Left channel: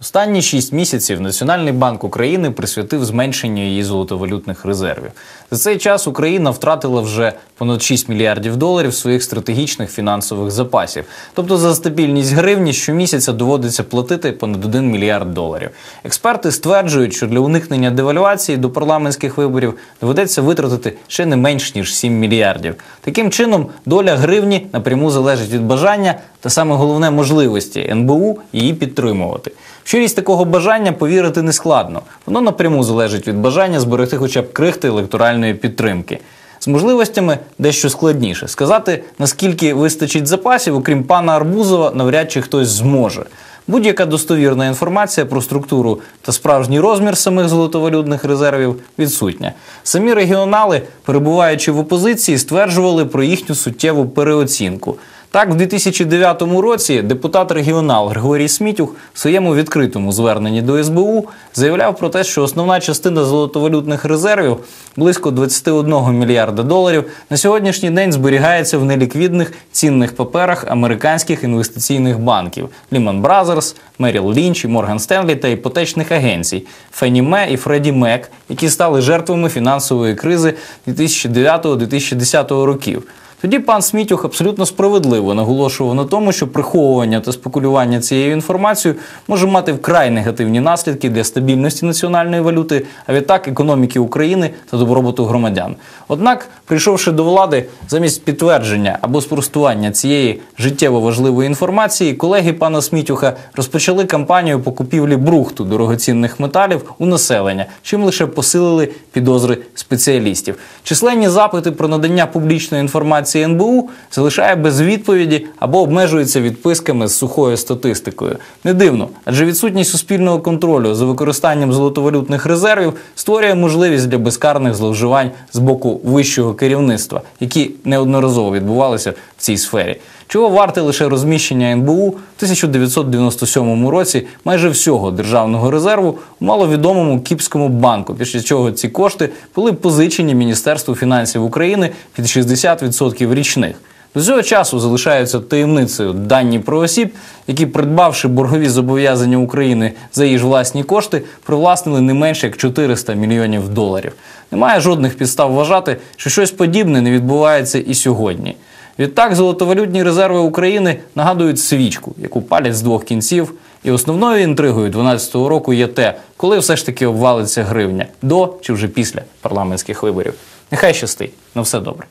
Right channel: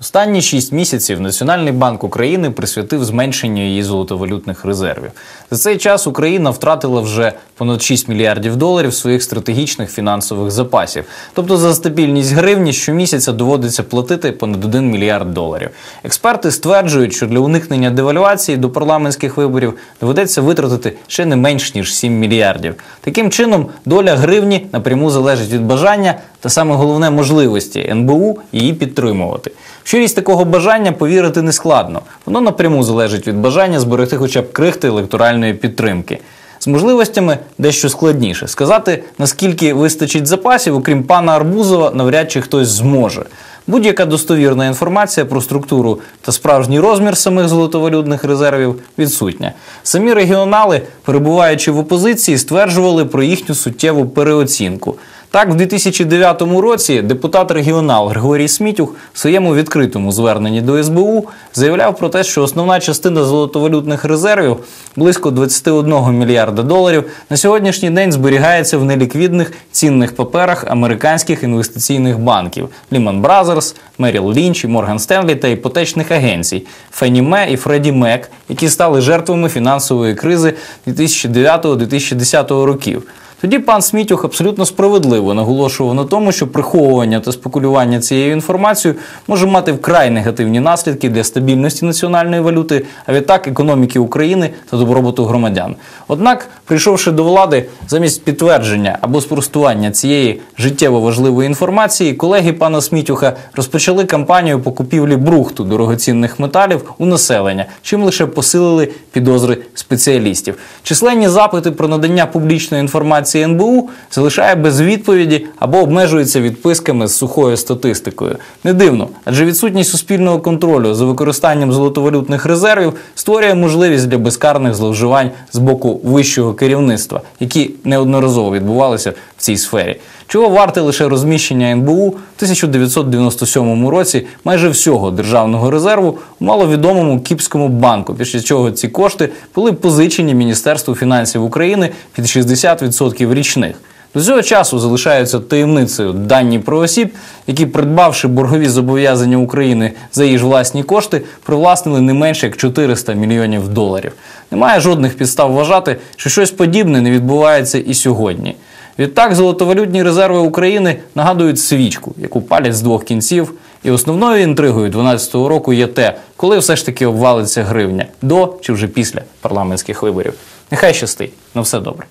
Останні шість місяців Національний банк України присвятив зменшенню її золотовалютних резервів. За цей час Україна втратила вже понад 6 мільярдів доларів своїх стратегічних фінансових запасів. Тобто за стабільність гривні щомісяця доводиться платити понад 1 мільярд доларів. Експерти стверджують, що для уникнення девальвації до парламентських виборів доведеться витратити ще не менш ніж 7 мільярдів. Таким чином, доля гривні напряму залежить від бажання та саме головне можливості НБУ її підтримувати. В щирість такого бажання повірити не складно. Воно напряму залежить від бажання зберегти хоча б крихти електоральної підтримки. З можливостями дещо складніше сказати, наскільки вистачить запасів, окрім пана Арбузова, навряд чи хтось зможе. Будь-яка достовірна інформація про структуру та справжній розмір самих золотовалютних резервів відсутня. Самі регіонали, перебуваючи в опозиції, стверджували про їхню суттєву переоцінку. Так, в 2009 році депутат регіонал Григорій Смітюх в своєму відкритому зверненні до СБУ заявляв про те, що основна частина золотовалютних резервів близько 21 мільярда доларів на сьогоднішній день зберігається в неліквідних цінних паперах американських інвестиційних банків Lehman Brothers, Merrill Lynch, Morgan Stanley та іпотечних агенцій Fannie Mae і Freddie Mac, які стали жертвами фінансової кризи 2009-2010 років. Тоді пан Смітюх абсолютно справедливо наголошував на тому, що приховування та спекулювання цією інформацією може мати вкрай негативні наслідки для стабільності національної валюти, а відтак економіки України та добробуту громадян. Однак, прийшовши до влади, замість підтвердження або спростування цієї життєво важливої інформації, колеги пана Смітюха розпочали кампанію по купівлі брухту дорогоцінних металів у населення, чим лише посилили підозри спеціалістів. Численні запити про надання публічної інформації інформації НБУ залишає без відповіді або обмежується відписками з сухою статистикою. Не дивно, адже відсутність суспільного контролю за використанням золотовалютних резервів створює можливість для безкарних зловживань з боку вищого керівництва, які неодноразово відбувалися в цій сфері. Чого варте лише розміщення НБУ в 1997 році майже всього державного резерву у маловідомому Кіпському банку, після чого ці кошти були позичені Міністерству фінансів України під 60% річних. До цього часу залишаються таємницею дані про осіб, які, придбавши боргові зобов'язання України за її ж власні кошти, привласнили не менше як 400 мільйонів доларів. Немає жодних підстав вважати, що щось подібне не відбувається і сьогодні. Відтак, золотовалютні резерви України нагадують свічку, яку палять з двох кінців. І основною інтригою 2012 року є те, коли все ж таки обвалиться гривня до чи вже після парламентських виборів. Нехай щастить на все добре.